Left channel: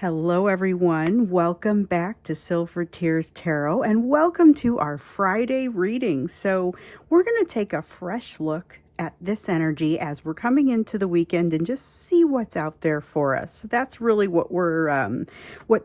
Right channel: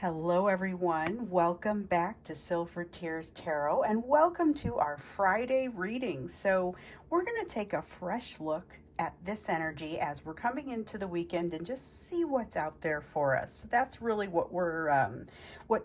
Hello, everyone. Welcome back to Silver Tears Tarot and welcome to our Friday reading. So, we're going to take a fresh look at this energy as we're coming into the weekend and just see what's out there for us. So that's really what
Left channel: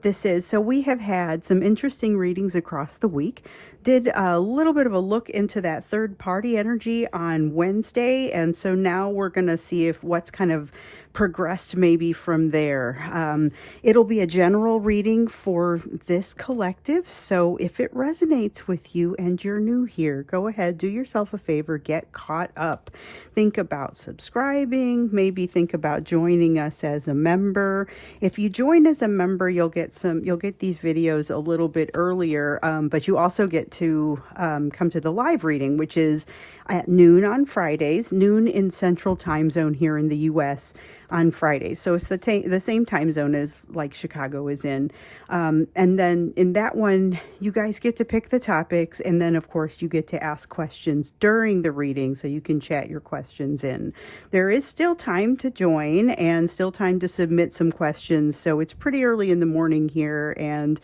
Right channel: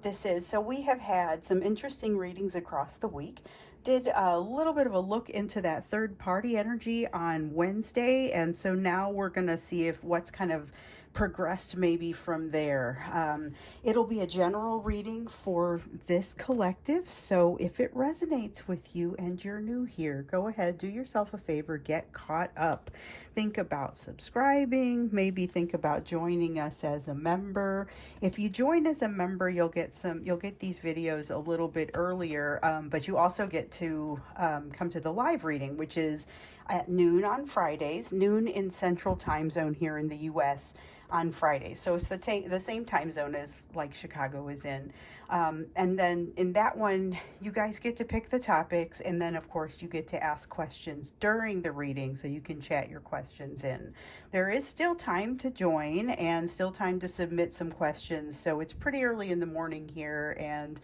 this is. So we have had some interesting readings across the week. Did a little bit of a look into that third party energy on Wednesday, and so now we're going to see if what's kind of progressed maybe from there. It'll be a general reading for this collective, so if it resonates with you and you're new here, go ahead, do yourself a favor, get caught up. Think about subscribing, maybe think about joining us as a member. If you join as a member, you'll get these videos a little bit earlier, but you also get to come to the live reading, which is at noon on Fridays, noon in Central Time Zone here in the US on Fridays. So it's the same time zone as like Chicago is in. And then in that one, you guys get to pick the topics. And then, of course, you get to ask questions during the reading so you can chat your questions in. There is still time to join and still time to submit some questions. So it's pretty early in the morning here, and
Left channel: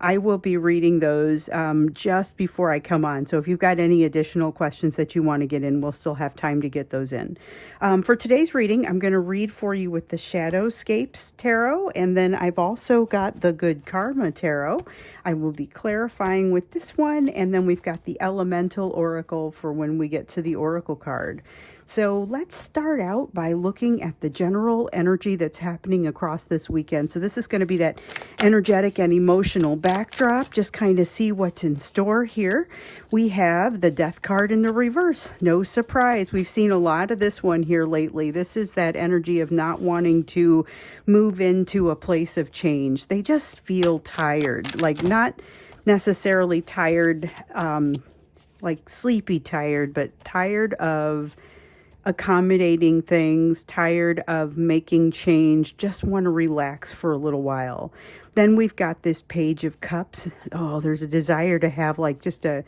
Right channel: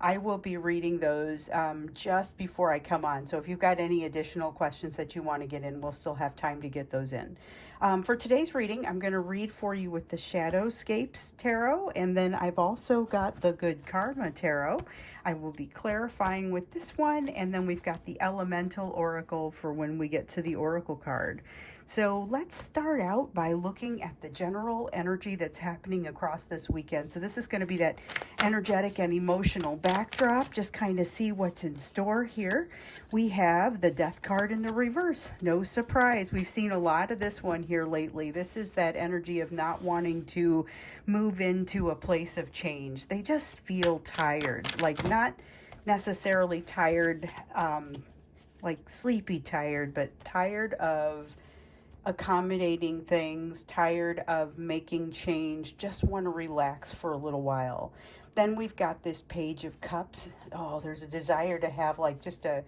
I will be reading those just before I come on. So if you've got any additional questions that you want to get in, we'll still have time to get those in. For today's reading, I'm going to read for you with the Shadowscapes Tarot, and then I've also got the Good Karma Tarot. I will be clarifying with this one, and then we've got the Elemental Oracle for when we get to the Oracle card. So let's start out by looking at the general energy that's happening across this weekend. So this is going to be that energetic and emotional backdrop. Just kind of see what's in store here. We have the Death card in the reverse. No surprise. We've seen a lot of this one here lately. This is that energy of not wanting to move into a place of change. They just feel tired, like not necessarily tired, like sleepy tired, but tired of accommodating things, tired of making change, just want to relax for a little while. Then we've got this Page of Cups. Oh, there's a desire to have like just a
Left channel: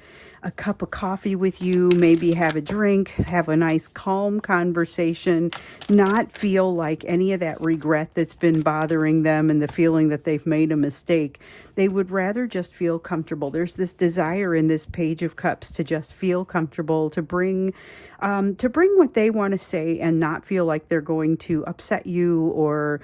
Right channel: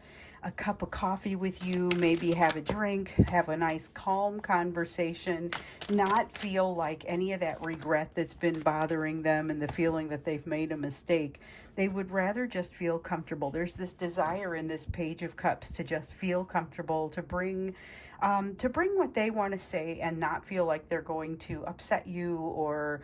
cup of coffee with you, maybe have a drink, have a nice calm conversation, not feel like any of that regret that's been bothering them and the feeling that they've made a mistake. They would rather just feel comfortable. There's this desire in this Page of Cups to just feel comfortable, to bring what they want to say and not feel like they're going to upset you or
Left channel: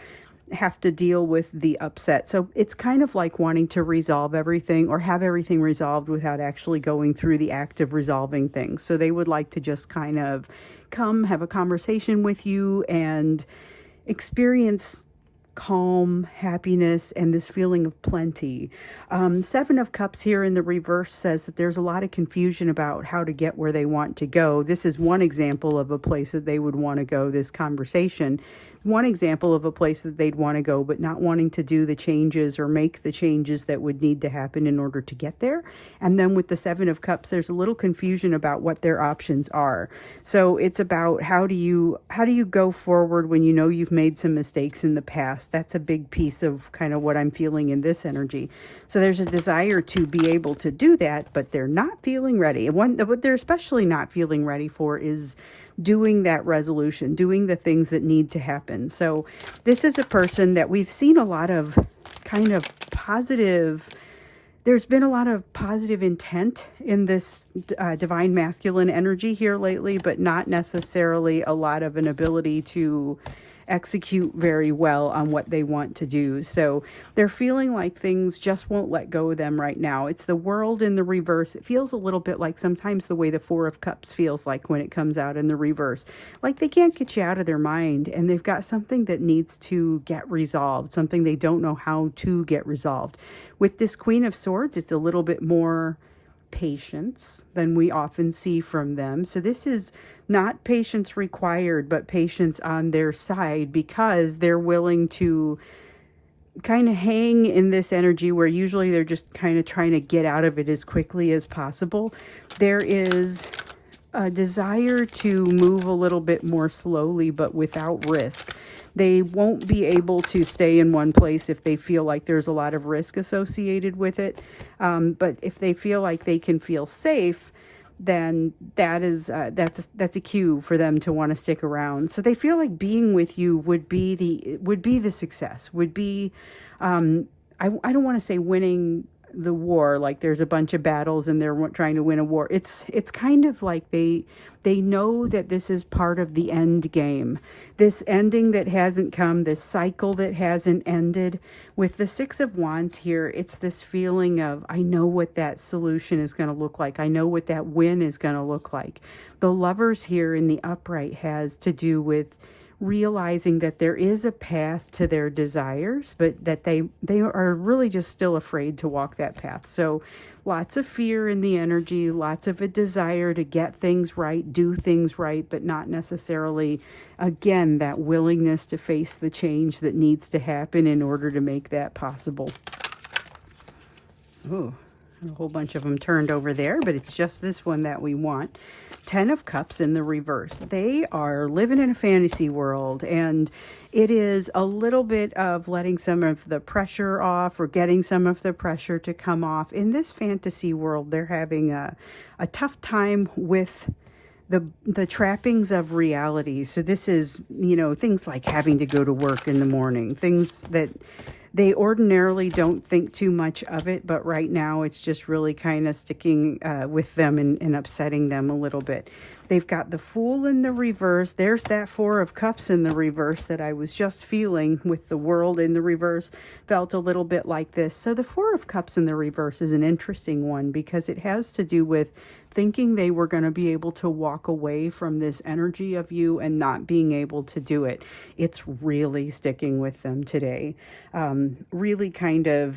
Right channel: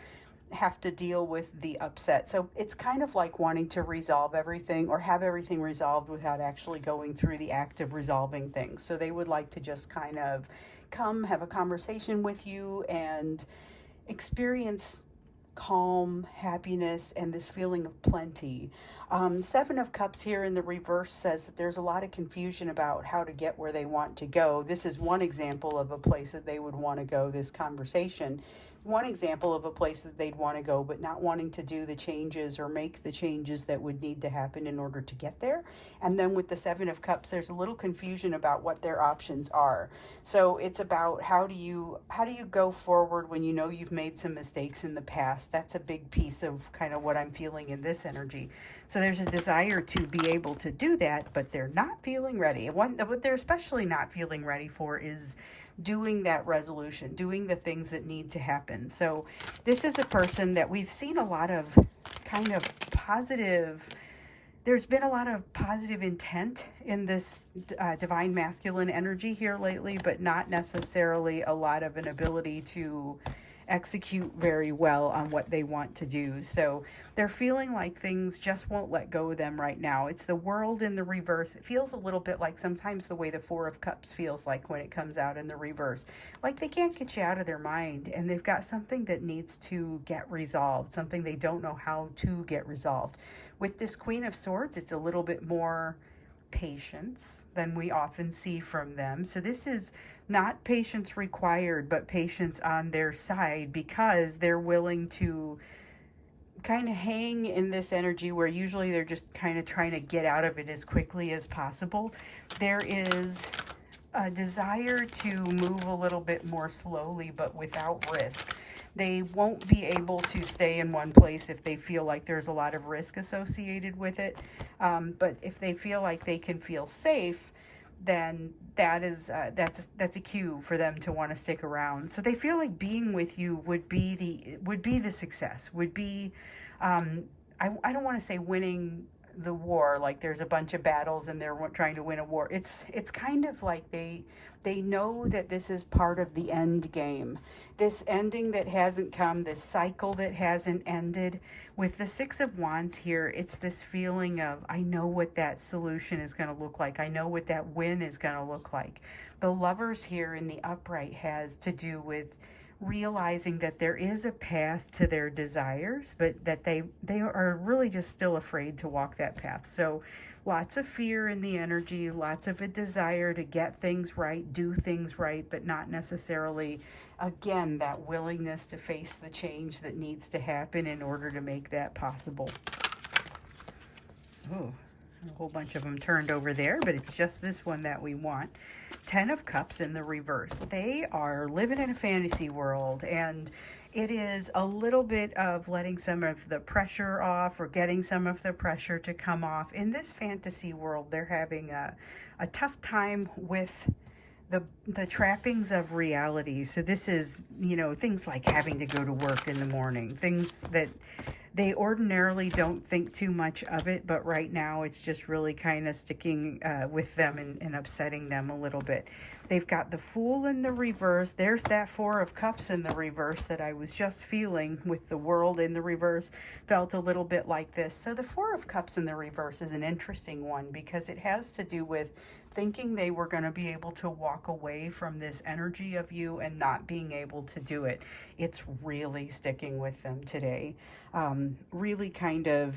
have to deal with the upset. So it's kind of like wanting to resolve everything or have everything resolved without actually going through the act of resolving things. So they would like to just kind of come have a conversation with you and experience calm, happiness, and this feeling of plenty. Seven of Cups here in the reverse says that there's a lot of confusion about how to get where they want to go. This is one example of a place that they would want to go, this conversation. One example of a place that they'd want to go, but not wanting to do the changes or make the changes that would need to happen in order to get there. And then with the Seven of Cups, there's a little confusion about what their options are. So it's about how do you go forward when you know you've made some mistakes in the past. That's a big piece of kind of what I'm feeling in this energy. So there's a desire to be able to do that, but they're not feeling ready. What they're especially not feeling ready for is doing that resolution, doing the things that need to happen. So this is a person that we've seen a lot of kind of positive, there's been a lot of positive intent in this divine masculine energy here lately, but not necessarily a lot of an ability to execute very well on what they want to do. So they're feeling like things just won't let go of them right now. It's the World in the reverse. It feels a little bit like sometimes the way the Four of Cups feels like when it comes out in the reverse. Like they can't get you out of their mind and they've got something that needs to get resolved, something they don't know how to get resolved. With this Queen of Swords, it's a little bit more patience than we often see from them. So this is not patience required, but patience on their side because they're willing to kind of hang in this energy where usually they're just kind of trying to get out of it as quickly as possible. There is a desire to move a little bit more slowly, but without risk. They won't be able to stay in one place if they feel like there's a lot of risk associated with it. But if they feel like they can feel safe, then that's a cue for them to want to stick around. So they feel like being with you would be the success, would be I don't want to say winning the war, like there's a bunch of battles and they're trying to win a war. It's kind of like they know that this is part of the end game, this ending that hasn't come, this cycle that hasn't ended. With the Six of Wands here, it's this feeling of, I know what that solution is going to look like. I know what that win is going to look like. The Lovers here in the upright has to do with realizing that there is a path to their desires, but that they are really just still afraid to walk that path. So lots of fear in the energy, lots of a desire to get things right, do things right, but not necessarily, again, that willingness to face the change that needs to happen in order to make that possible. Oh, a whole bunch of them turned over there, but it's just this one that we want. 10 of Cups in the reverse. They are living in a fantasy world, and it is a little bit of letting some of the pressure off, or getting some of the pressure to come off. In this fantasy world, they're having a tough time with the trappings of reality. So this is, you know, things like having to go to work in the morning, things that they ordinarily don't think too much of it, but right now it's just really kind of sticking with them and upsetting them a little bit. They've got the Fool in the reverse. There's that Four of Cups in the reverse that I was just feeling with the World in the reverse. Felt a little bit like this. So the Four of Cups in the reverse is an interesting one because it has to do with thinking they were going to be able to walk away from this energy of you and not being able to do it. It's really sticking with them today. Really kind of,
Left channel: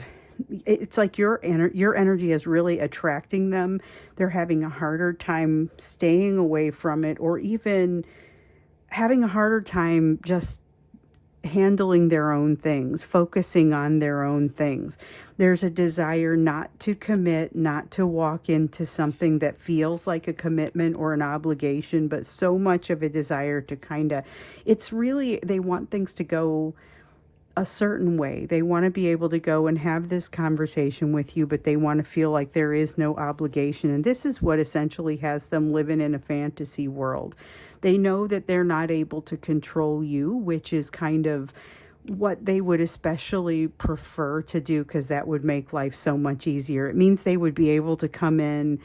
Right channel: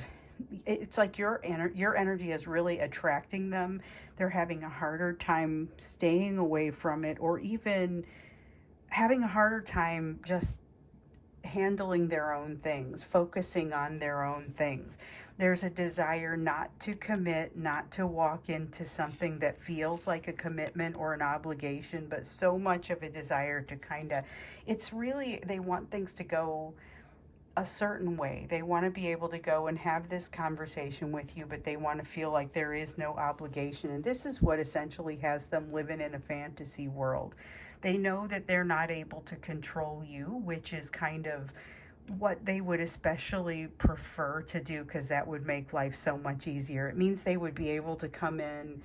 it's like your energy is really attracting them. They're having a harder time staying away from it, or even having a harder time just handling their own things, focusing on their own things. There's a desire not to commit, not to walk into something that feels like a commitment or an obligation, but so much of a desire to kind of, it's really, they want things to go a certain way. They want to be able to go and have this conversation with you, but they want to feel like there is no obligation. And this is what essentially has them living in a fantasy world. They know that they're not able to control you, which is kind of what they would especially prefer to do, because that would make life so much easier. It means they would be able to come in,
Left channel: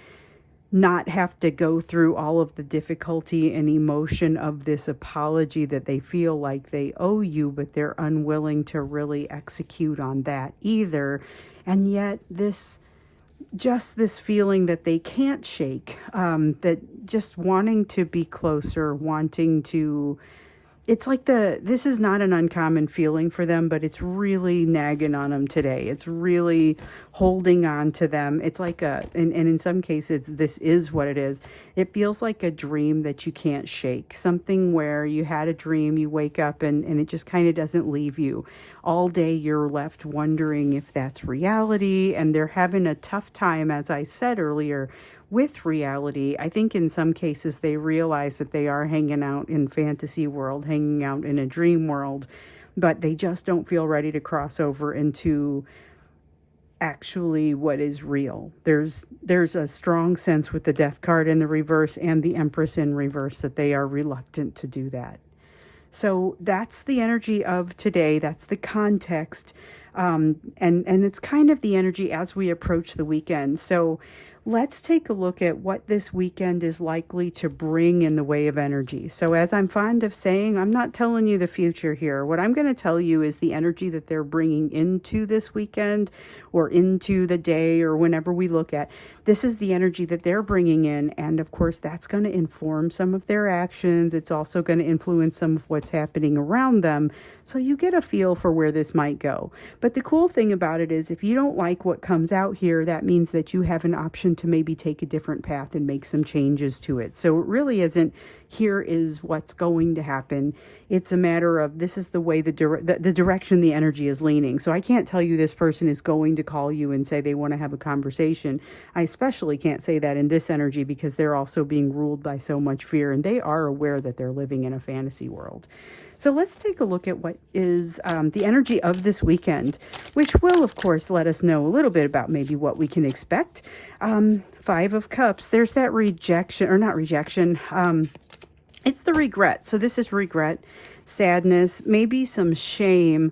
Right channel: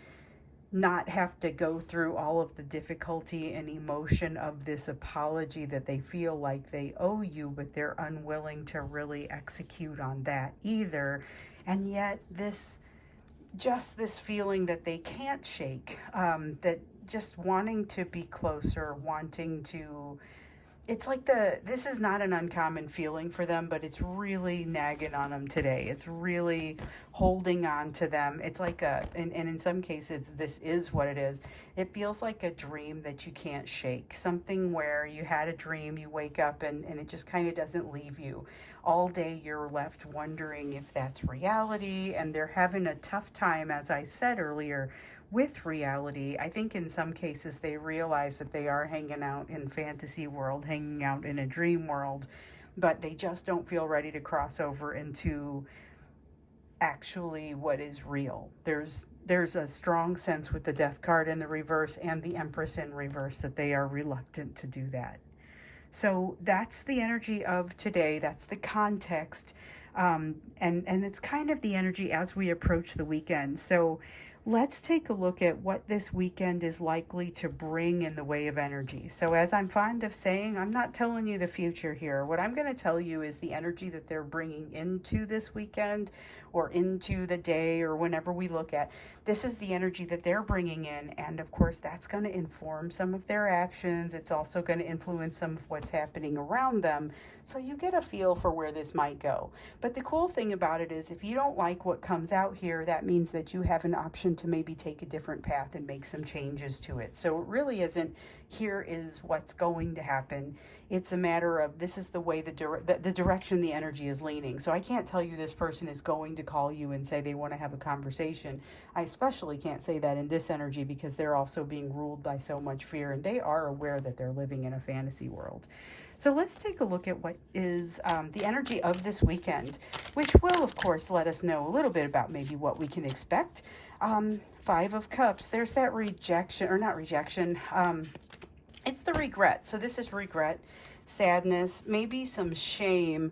not have to go through all of the difficulty and emotion of this apology that they feel like they owe you, but they're unwilling to really execute on that either. And yet this feeling that they can't shake, that just wanting to be closer, wanting to, it's like this is not an uncommon feeling for them, but it's really nagging on them today. It's really holding on to them. It's like and in some cases, this is what it is. It feels like a dream that you can't shake. Something where you had a dream, you wake up and it just kind of doesn't leave you. All day you're left wondering if that's reality, and they're having a tough time, as I said earlier, with reality. I think in some cases they realize that they are hanging out in fantasy world, hanging out in a dream world, but they just don't feel ready to cross over into actually what is real. There's a strong sense with the Death card in the reverse and the Empress in reverse that they are reluctant to do that. So that's the energy of today. That's the context. And it's kind of the energy as we approach the weekend. So let's take a look at what this weekend is likely to bring in the way of energy. So as I'm fond of saying, I'm not telling you the future here. What I'm going to tell you is the energy that they're bringing into this weekend, or into the day, or whenever we look at. This is the energy that they're bringing in, and of course that's going to inform some of their actions. It's also going to influence some of what's happening around them, so you get a feel for where this might go. But the cool thing about it is, if you don't like what comes out here, that means that you have an option to maybe take a different path and make some changes to it. So it really isn't, here is what's going to happen. It's a matter of, this is the way the direction the energy is leaning. So I can't tell you this person is going to call you and say they want to have a conversation. I especially can't say that in this energy, because they're also being ruled by so much fear, and they are aware that they're living in a fantasy world. So let's take a look at what is the energy of this weekend, which will, of course, let us know a little bit about maybe what we can expect. Five of Cups, there's that rejection, or not rejection, it's the regret. So this is regret, sadness, maybe some shame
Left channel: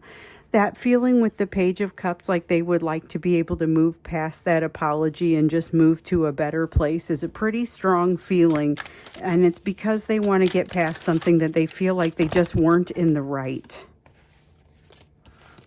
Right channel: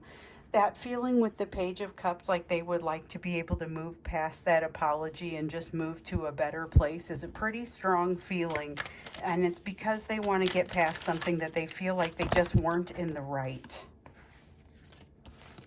That feeling with the Page of Cups, like they would like to be able to move past that apology and just move to a better place, is a pretty strong feeling. And it's because they want to get past something that they feel like they just weren't in the right.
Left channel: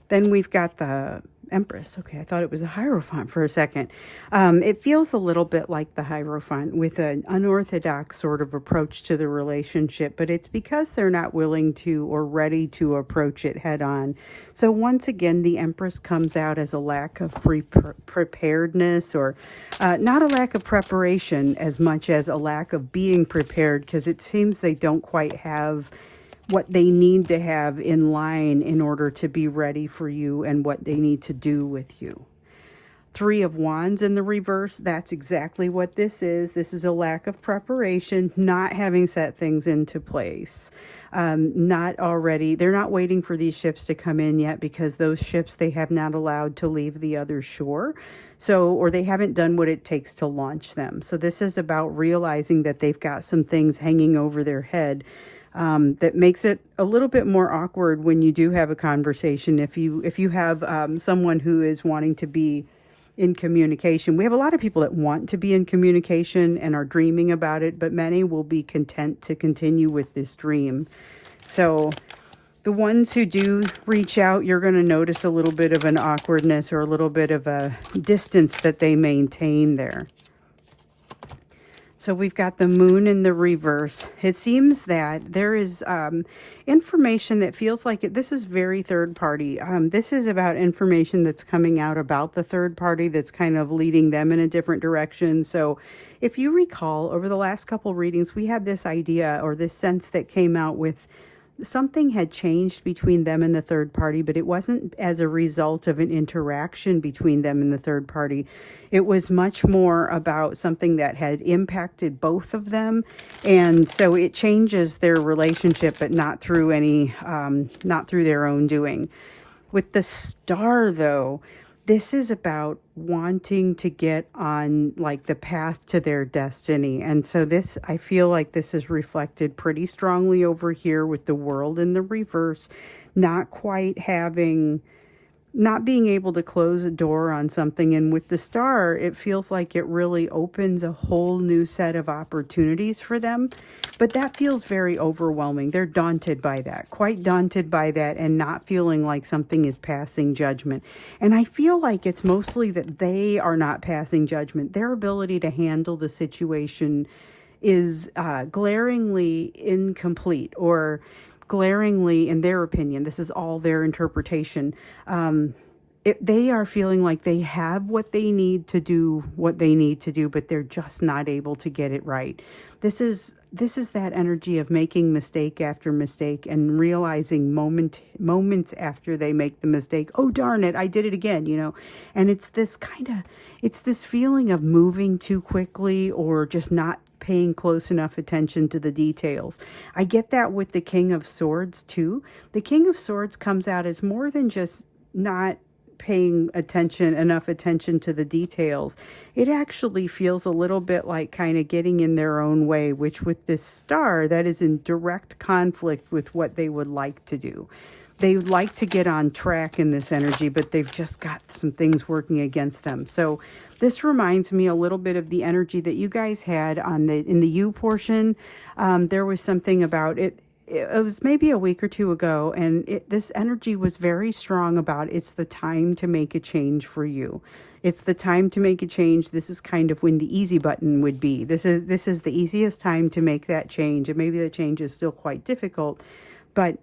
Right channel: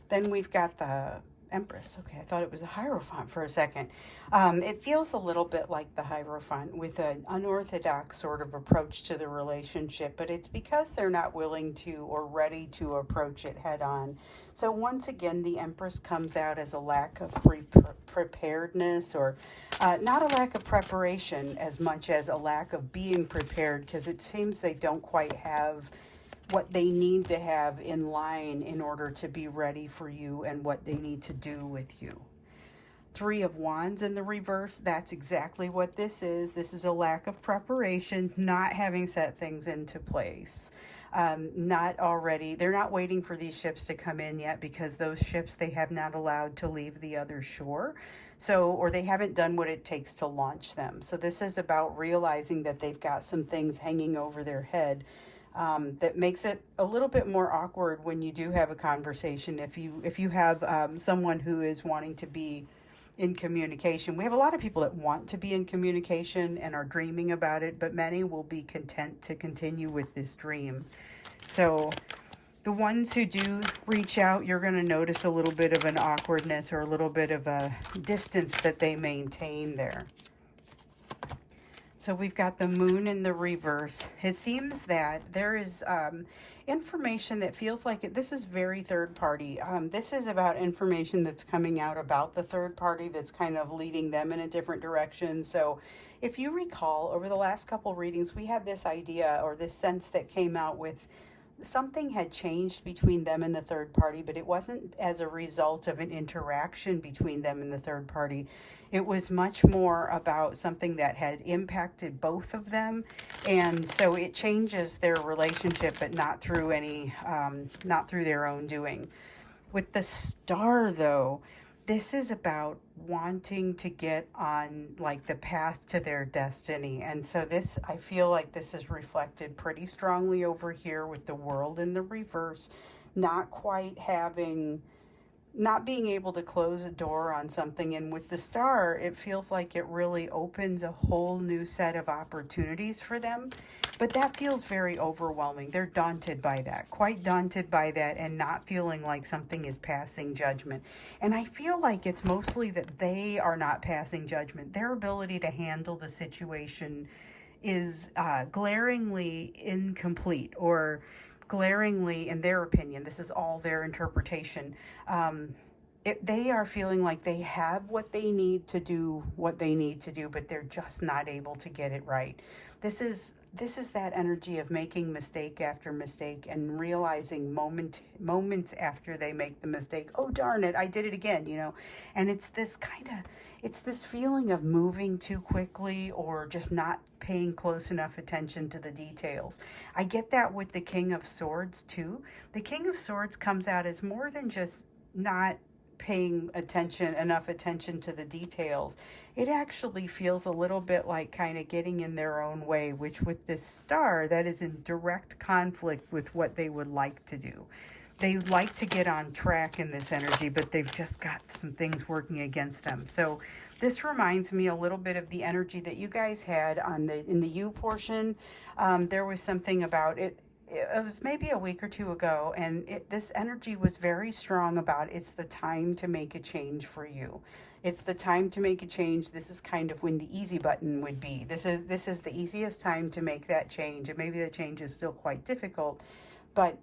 Then we've got the Empress. Okay, I thought it was a Hierophant for a second. It feels a little bit like the Hierophant with an unorthodox sort of approach to the relationship, but it's because they're not willing to or ready to approach it head on. So once again, the Empress comes out as a lack of preparedness, or not a lack of preparation as much as a lack of being prepared, because it seems they don't quite have what they need to have in line in order to be ready for you and what they need to do with you. Three of Wands in the reverse, that's exactly what this is. This is a lack of preparation, not having set things into place. They're not waiting for these ships to come in yet, because those ships they have not allowed to leave the other shore. So, or they haven't done what it takes to launch them. So this is about realizing that they've got some things hanging over their head. That makes it a little bit more awkward when you do have a conversation. If you have someone who is wanting to be in communication, we have a lot of people that want to be in communication and are dreaming about it, but many will be content to continue with this dream. So the ones who do reach out, you're going to notice a little bit of an awkwardness or a little bit of a distance that they maintain there. So we've got the Moon in the reverse. It seems that there is information that feels like this is very third party. This is about information that's coming out about the third party that's kind of leading them in a different direction. So if you recall, over the last couple readings, we had this idea or this sense that came out with something had changed between them and the third party, but it wasn't as a result of an interaction between them and the third party. It was much more about something that had impacted both of them, and so it changes their relationship, but not through not through their own doing. With the Star, though, this is about wanting to get on like the path to their destiny. And so this, I feel like this is reflected pretty strongly over here with the World in the reverse, not being able to close a door on something. And with the Star, it feels like it really opens a whole new set of opportunities for them. But that feels very overwhelming. They're daunted by that, quite daunted by that, and not feeling like something is passing judgment. And I feel like it's mostly that they are not passing judgment. Their ability to handle the situation is glaringly incomplete, or glaringly, in their opinion, this is all their interpretation, they are feeling like they have what they need to do what they need to do, but they're just not able to get it right. This is that energy of making mistake after mistake and realizing moments after they make the mistake, oh darn it, I did it again, and it's this feeling of moving too quickly or just not paying close enough attention to the details. I get that with the King of Swords too. The King of Swords comes out as more than just not paying enough attention to the details. It actually feels a little bit like kind of getting in their own way, which with this Star, that is in direct conflict with what they would like to do. They like to get on track in this energy, but they've just got some things working against them. So this reminds me a little bit of the energy that you guys had in the You portion. There was something about it. It was maybe a week or two ago, and this energy was very strong about it's the time to make a change for you. It's the time to make a change. This is kind of when the easy button would be. This is the easiest time to make that change, and maybe the change is still quite difficult, but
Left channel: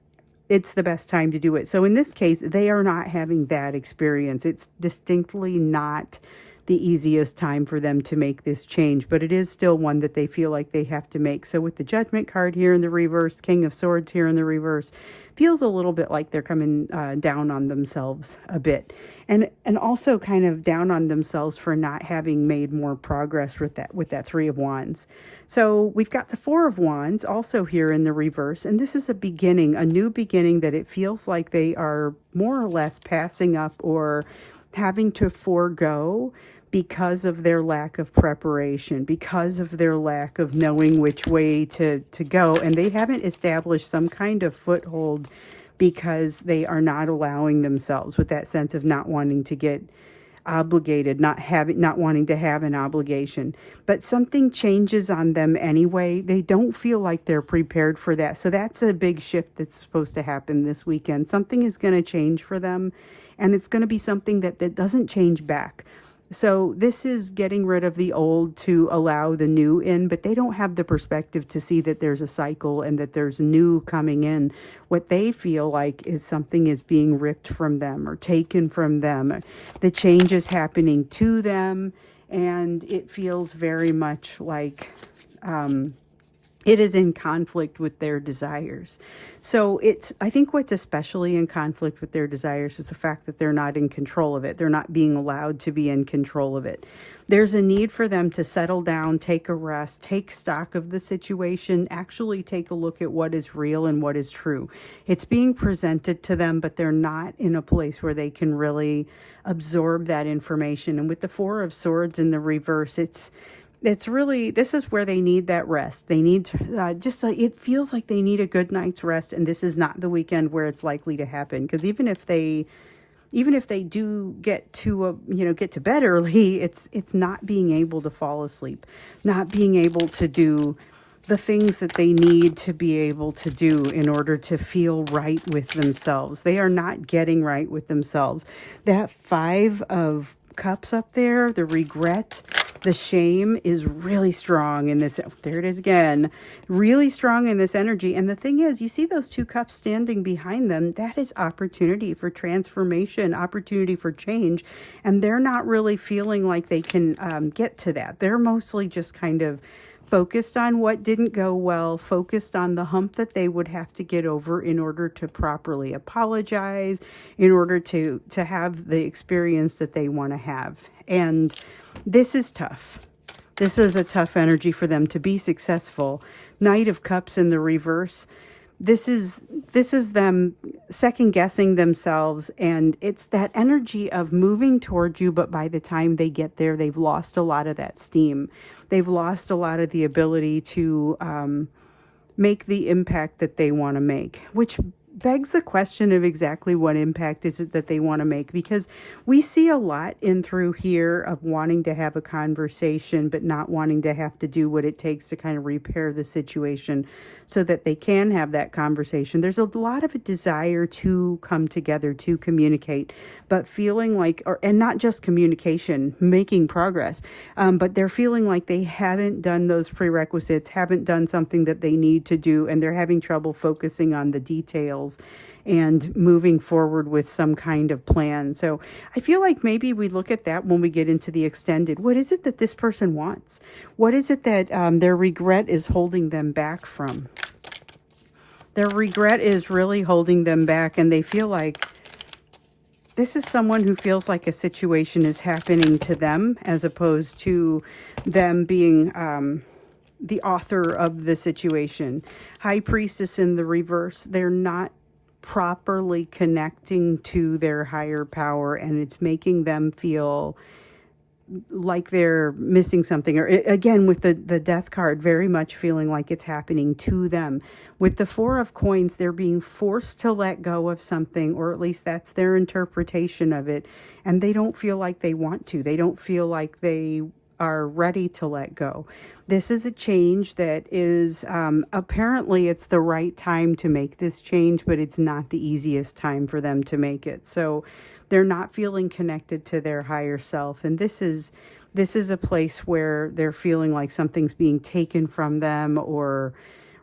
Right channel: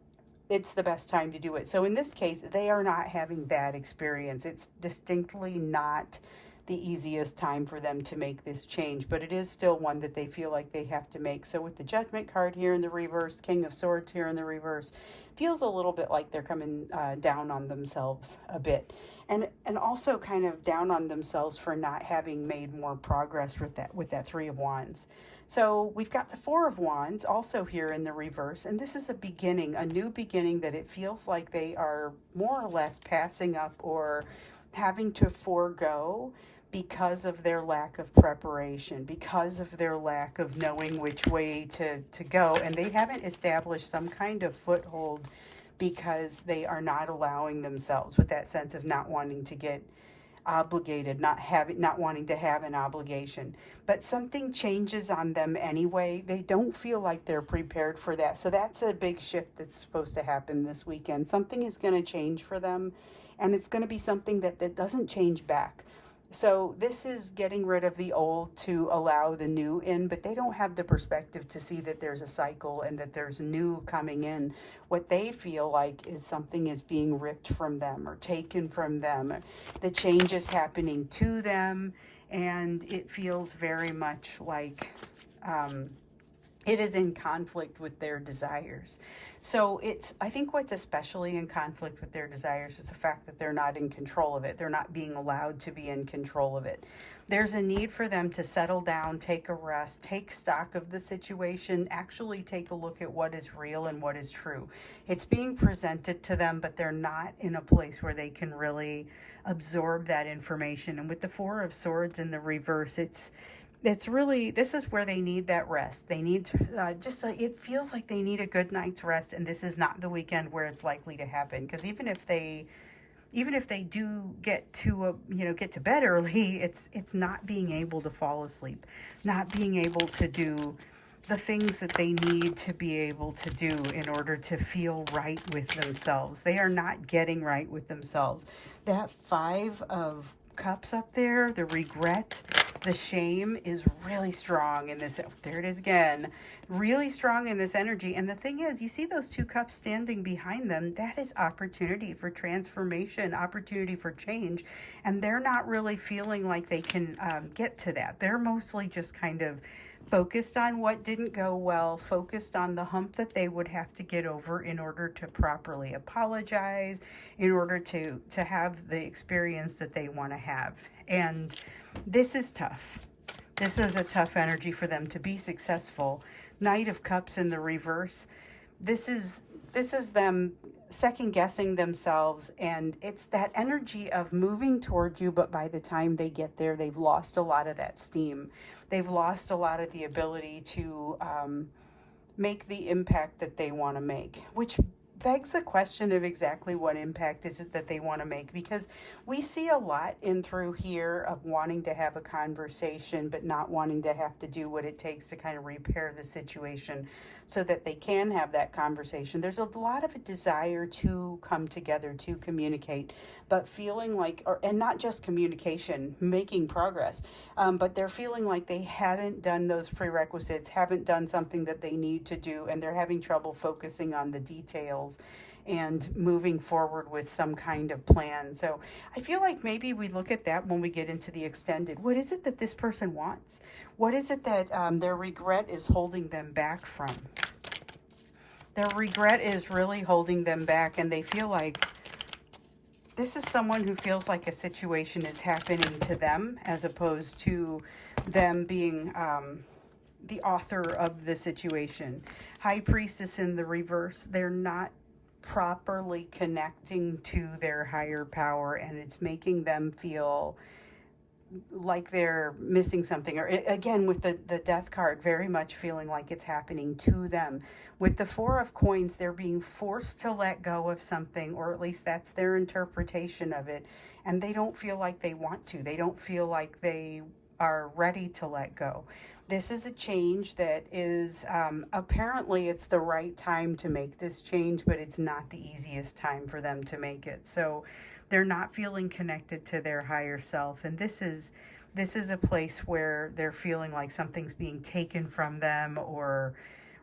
it's the best time to do it. So in this case, they are not having that experience. It's distinctly not the easiest time for them to make this change, but it is still one that they feel like they have to make. So with the Judgment card here in the reverse, King of Swords here in the reverse, feels a little bit like they're coming down on themselves a bit, and also kind of down on themselves for not having made more progress with that Three of Wands. So we've got the Four of Wands also here in the reverse, and this is a beginning, a new beginning that it feels like they are more or less passing up or having to forego because of their lack of preparation, because of their lack of knowing which way to go. And they haven't established some kind of foothold because they are not allowing themselves, with that sense of not wanting to get obligated, not wanting to have an obligation. But something changes on them anyway. They don't feel like they're prepared for that. So that's a big shift that's supposed to happen this weekend. Something is going to change for them, and it's going to be something that doesn't change back. So this is getting rid of the old to allow the new in, but they don't have the perspective to see that there's a cycle and that there's new coming in. What they feel like is something is being ripped from them or taken from them. The change is happening to them, and it feels very much like it is in conflict with their desires. So I think what's especially in conflict with their desires is the fact that they're not in control of it. They're not being allowed to be in control of it. There's a need for them to settle down, take a rest, take stock of the situation, actually take a look at what is real and what is true. It's being presented to them, but they're not in a place where they can really absorb that information. And with the Four of Swords in the reverse, it's really, this is where they need that rest. They need to, it feels like they need a good night's rest, and this is not the weekend where it's likely to happen. Because even if they do get to get to bed early, it's not being able to fall asleep, not being able to do the things that they need to be able to do in order to feel right with themselves. They are not getting right with themselves. That Five of Cups up there, the regret, the shame is really strong in this. There it is again, really strong in this energy. And the thing is, you see those two cups standing behind them. That is opportunity for transformation, opportunity for change. And they're not really feeling like they can get to that. They're mostly just kind of focused on what didn't go well, focused on the hump that they would have to get over in order to properly apologize, in order to have the experience that they want to have. And this is tough. This is a tough energy for them to be successful. Knight of Cups in the reverse. This is them second guessing themselves, and it's that energy of moving towards you, but by the time they get there, they've lost a lot of that steam. They've lost a lot of the ability to make the impact that they want to make, which begs the question of exactly what impact is it that they want to make, because we see a lot in through here of wanting to have a conversation but not wanting to have to do what it takes to kind of repair the situation so that they can have that conversation. There's a lot of a desire to come together, to communicate, but feeling like, and not just communication, making progress, but they're feeling like they haven't done those prerequisites, haven't done something that they need to do, and they're having trouble focusing on the details and moving forward with some kind of plan. So I feel like maybe we look at that when we get into the extended. What is it that this person wants? What is it that their regret is holding them back from? Their regret is really holding them back, and they feel like this is someone who feels like a situation is happening to them as opposed to them being the author of the situation. High Priestess in the reverse. They're not properly connecting to their higher power, and it's making them feel like they're missing something. Or again, with the Death card, very much feeling like it's happening to them. With the Four of Coins, they're being forced to let go of something, or at least that's their interpretation of it, and they don't feel like they want to. They don't feel like they are ready to let go. This is a change that is, apparently it's the right time to make this change, but it's not the easiest time for them to make it. So they're not feeling connected to their higher self. And this is a place where they're feeling like something's being taken from them, or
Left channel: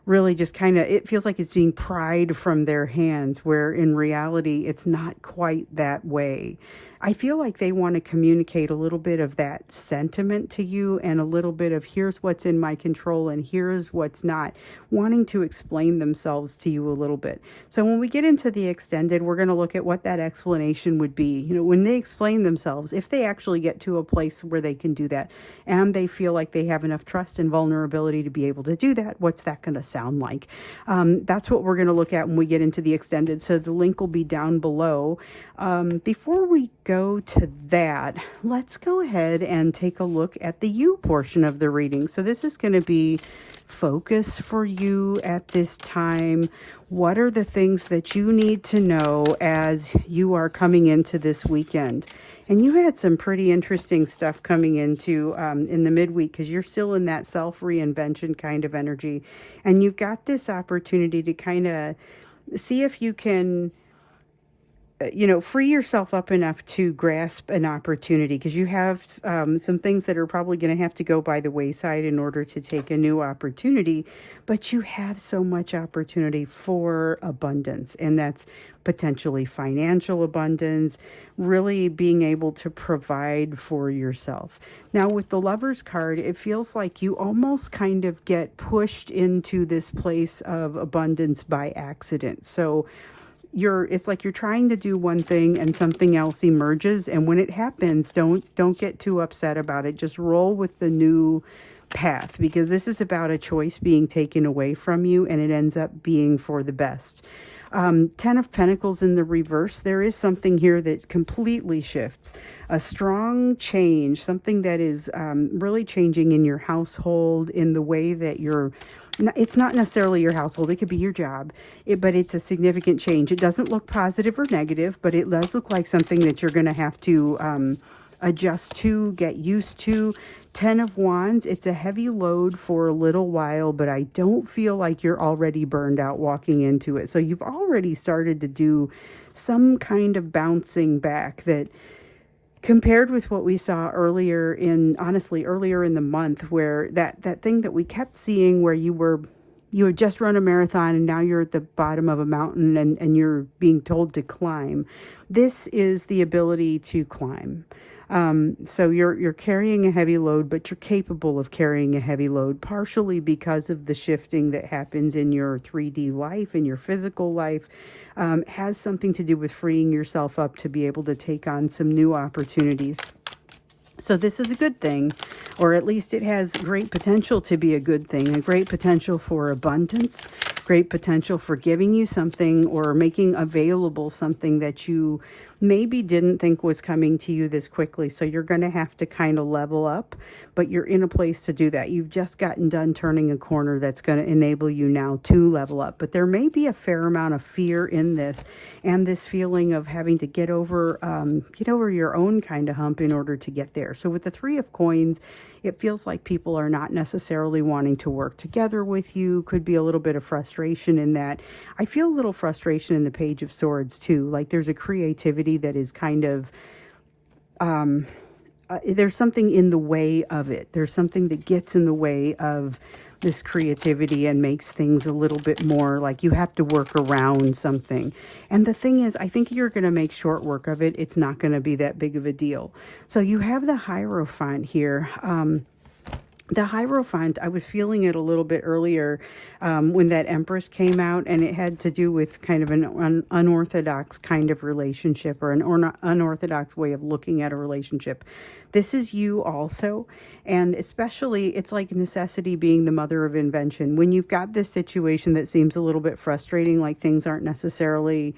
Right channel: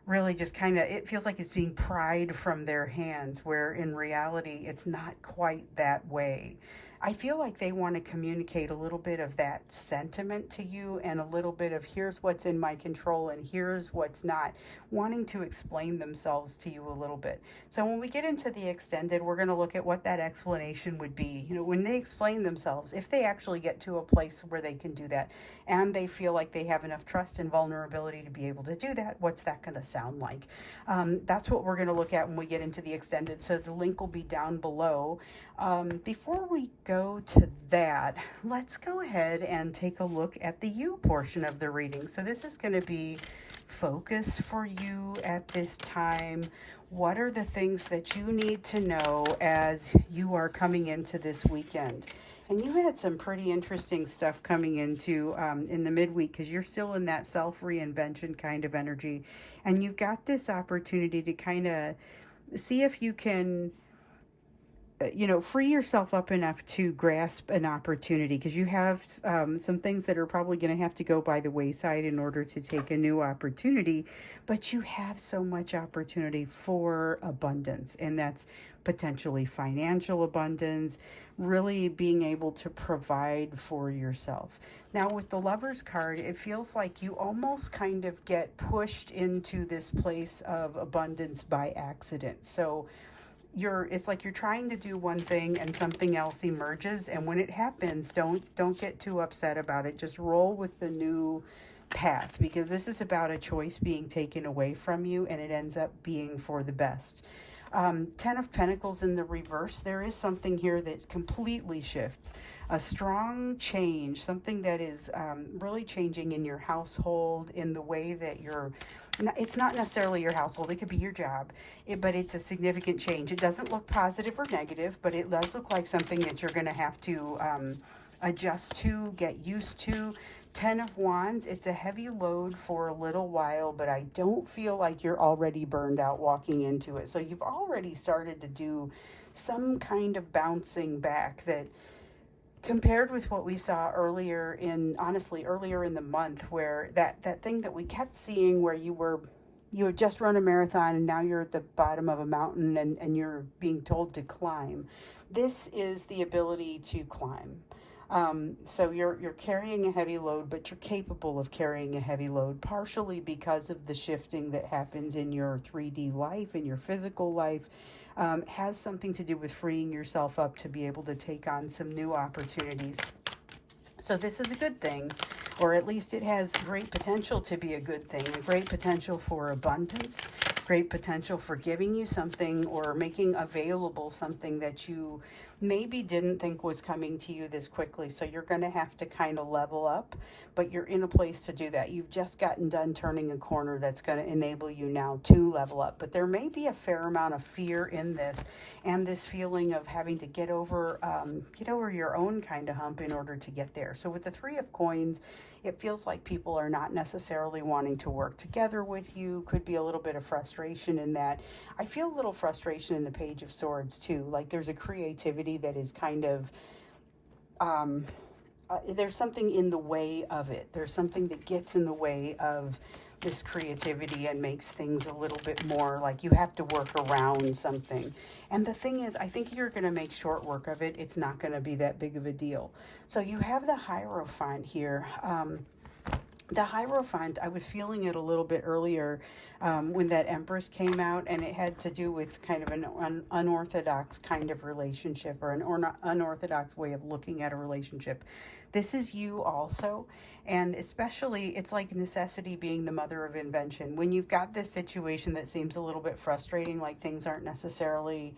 really just kind of, it feels like it's being pried from their hands, where in reality, it's not quite that way. I feel like they want to communicate a little bit of that sentiment to you, and a little bit of here's what's in my control and here's what's not, wanting to explain themselves to you a little bit. So when we get into the extended, we're going to look at what that explanation would be. You know, when they explain themselves, if they actually get to a place where they can do that, and they feel like they have enough trust and vulnerability to be able to do that, what's that going to sound like? That's what we're going to look at when we get into the extended. So the link will be down below. Before we go to that, let's go ahead and take a look at the you portion of the reading. So this is going to be focus for you at this time? What are the things that you need to know as you are coming into this weekend? And you had some pretty interesting stuff coming into in the midweek, because you're still in that self-reinvention kind of energy. And you've got this opportunity to kind of see if you can free yourself up enough to grasp an opportunity, because you have some things that are probably going to have to go by the wayside in order to take a new opportunity. But you have so much opportunity for abundance, and that's potentially financial abundance, really being able to provide for yourself. Now, with the Lover's card, it feels like you almost kind of get pushed into this place of abundance by accident. So it's like you're trying to do one thing and something else emerges, and when it happens, don't get too upset about it. Just roll with the new path, because this is about a choice being taken away from you, and it ends up being for the best. 10 of Pentacles in the reverse, there is something here that completely shifts. A strong change, something that is really changing in your household, in the way that it's not necessarily your household, it could be your job, but it's a significant change. It doesn't look positive or negative, but it does look like something that you're going to have to adjust to, get used to. 10 of Wands, it's a heavy load for a little while, but I don't feel like you're already burned out walking into it. So you've already started to do some kind of bouncing back that, compared with what we saw earlier in the month, where that thing that we kept seeing, where you had just run a marathon and now you're at the bottom of a mountain and you're being told to climb. This is the ability to climb. So you're carrying a heavy load, but you're capable of carrying a heavy load, partially because of the shifting that happens in your 3D life, in your physical life. Has something to do with freeing yourself up to be able to take on some new opportunities. So this is a good thing, or at least it has great potential to be a good thing, a great potential for abundance, great potential for giving you something or making available something that you maybe didn't think was coming to you this quickly. So you're going to have to kind of level up, but you're in a place to do that. You've just gotten done turning a corner that's going to enable you now to level up. But there may be a fair amount of fear in this, and this feeling of having to get over your own kind of hump in order to get there. So with the Three of Coins, it feels like people are not necessarily wanting to work together with you. Could be a little bit of frustration in that. I feel a little frustration in the Page of Swords too. Like there's a creativity that is kind of, there's something in the way of it. There's something that gets in the way of this creativity and makes things a little bit more like you have to work around something. And the thing is, I think you're going to make short work of it. It's not going to be that big of a deal. So you have the Hierophant here. The Hierophant, I was feeling it a little bit earlier when that Empress came out, and it had to do with kind of an unorthodox kind of relationship, or an unorthodox way of looking at a relationship. This is you also, and especially it's like necessity being the mother of invention. When you've got this situation that seems a little bit frustrating, like things aren't necessarily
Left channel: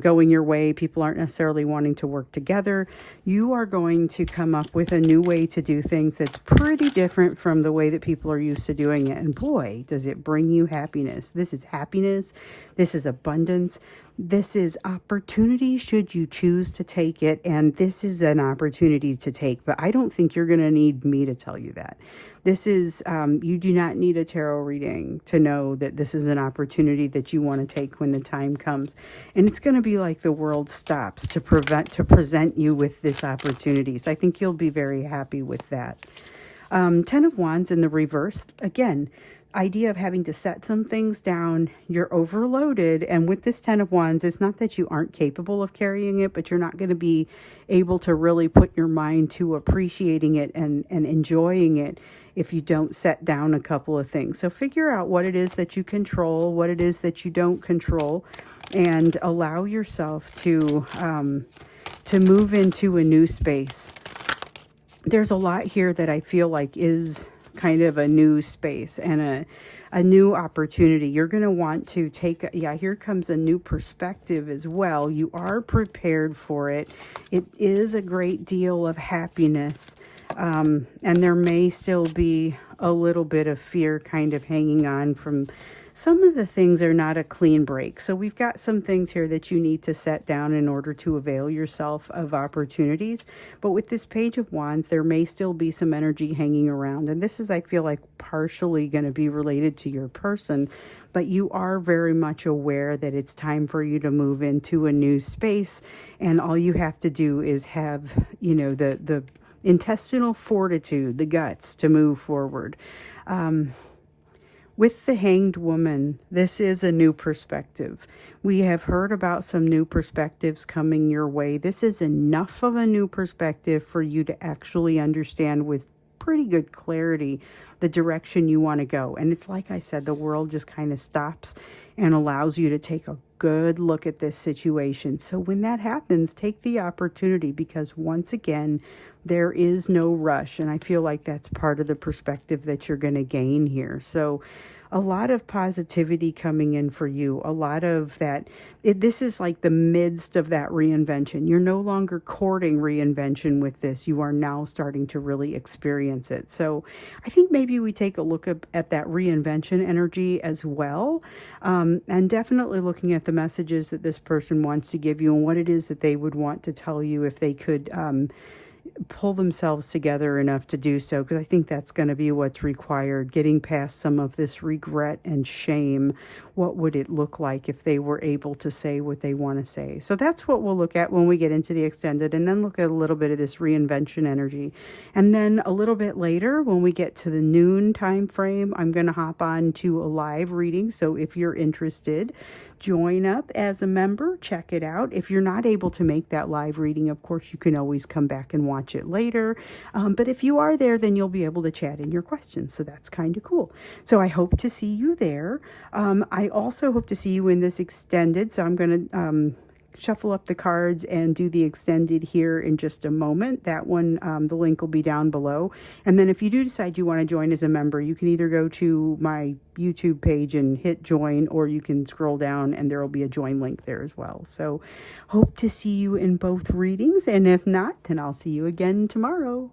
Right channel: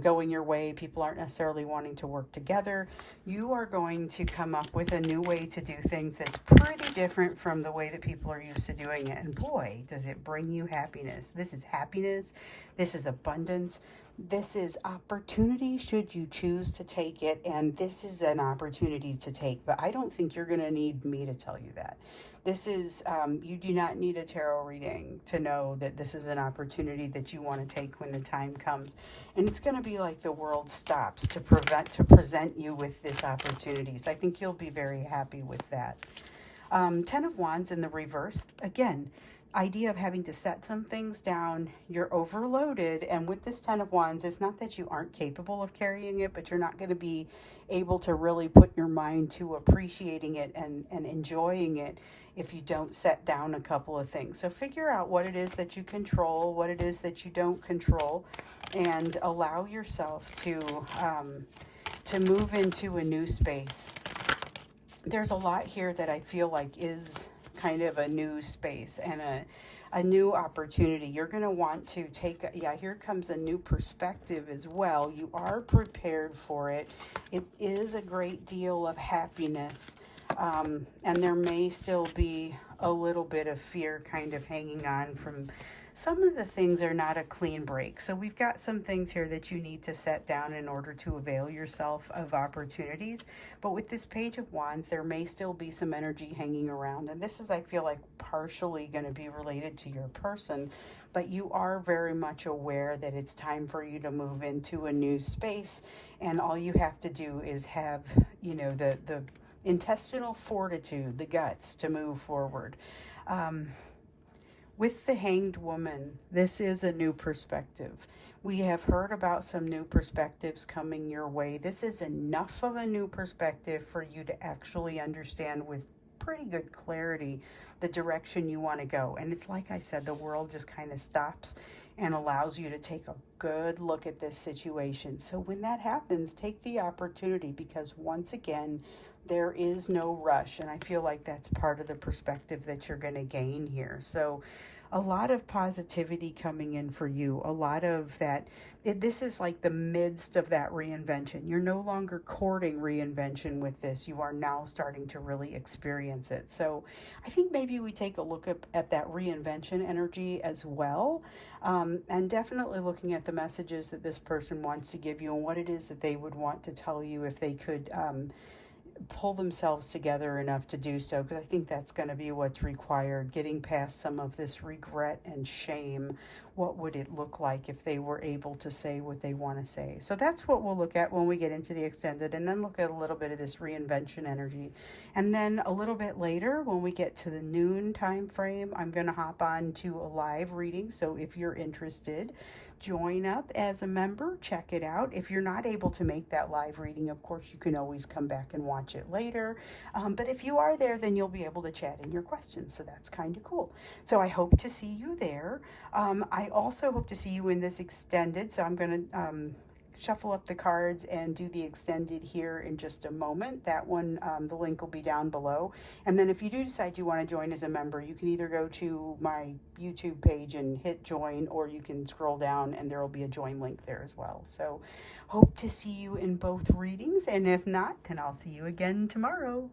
going your way, people aren't necessarily wanting to work together, you are going to come up with a new way to do things that's pretty different from the way that people are used to doing it. And boy, does it bring you happiness. This is happiness. This is abundance. This is opportunity should you choose to take it. And this is an opportunity to take. But I don't think you're going to need me to tell you that. This is, you do not need a tarot reading to know that this is an opportunity that you want to take when the time comes. And it's going to be like the world stops to present you with this opportunity. So I think you'll be very happy with that. 10 of Wands in the reverse. Again, idea of having to set some things down. You're overloaded. And with this 10 of Wands, it's not that you aren't capable of carrying it, but you're not going to be able to really put your mind to appreciating it and enjoying it if you don't set down a couple of things. So figure out what it is that you control, what it is that you don't control, and allow yourself to move into a new space. There's a lot here that I feel like is kind of a new space and a new opportunity. You're going to want to take, here comes a new perspective as well. You are prepared for it. It is a great deal of happiness. And there may still be a little bit of fear kind of hanging on from some of the things are not a clean break. So we've got some things here that you need to set down in order to avail yourself of opportunities. But with this Page of Wands, there may still be some energy hanging around. And this is, I feel like, partially going to be related to your person. But you are very much aware that it's time for you to move into a new space. And all you have to do is have, you know, the intestinal fortitude, the guts to move forward. With the Hanged Woman, this is a new perspective. We have heard about some new perspectives coming your way. This is enough of a new perspective for you to actually understand with pretty good clarity the direction you want to go. And it's like I said, the world just kind of stops and allows you to take a good look at this situation. So when that happens, take the opportunity, because once again, there is no rush. And I feel like that's part of the perspective that you're going to gain here. So a lot of positivity coming in for you, a lot of that. This is like the midst of that reinvention. You're no longer courting reinvention with this. You are now starting to really experience it. So I think maybe we take a look at that reinvention energy as well. And definitely looking at the messages that this person wants to give you and what it is that they would want to tell you if they could pull themselves together enough to do so, because I think that's going to be what's required, getting past some of this regret and shame. What would it look like if they were able to say what they want to say? So that's what we'll look at when we get into the extended, and then look at a little bit of this reinvention energy. And then a little bit later, when we get to the noon time frame, I'm going to hop on to a live reading. So if you're interested, join up as a member, check it out. If you're not able to make that live reading, of course, you can always come back and watch it later. But if you are there, then you'll be able to chat in your questions. So that's kind of cool. So I hope to see you there. I also hope to see you in this extended. So I'm going to shuffle up the cards and do the extended here in just a moment. That one, the link will be down below. And then if you do decide you want to join as a member, you can either go to my YouTube page and hit join, or you can scroll down and there will be a join link there as well. So hope to see you in both readings. And if not, then I'll see you again tomorrow.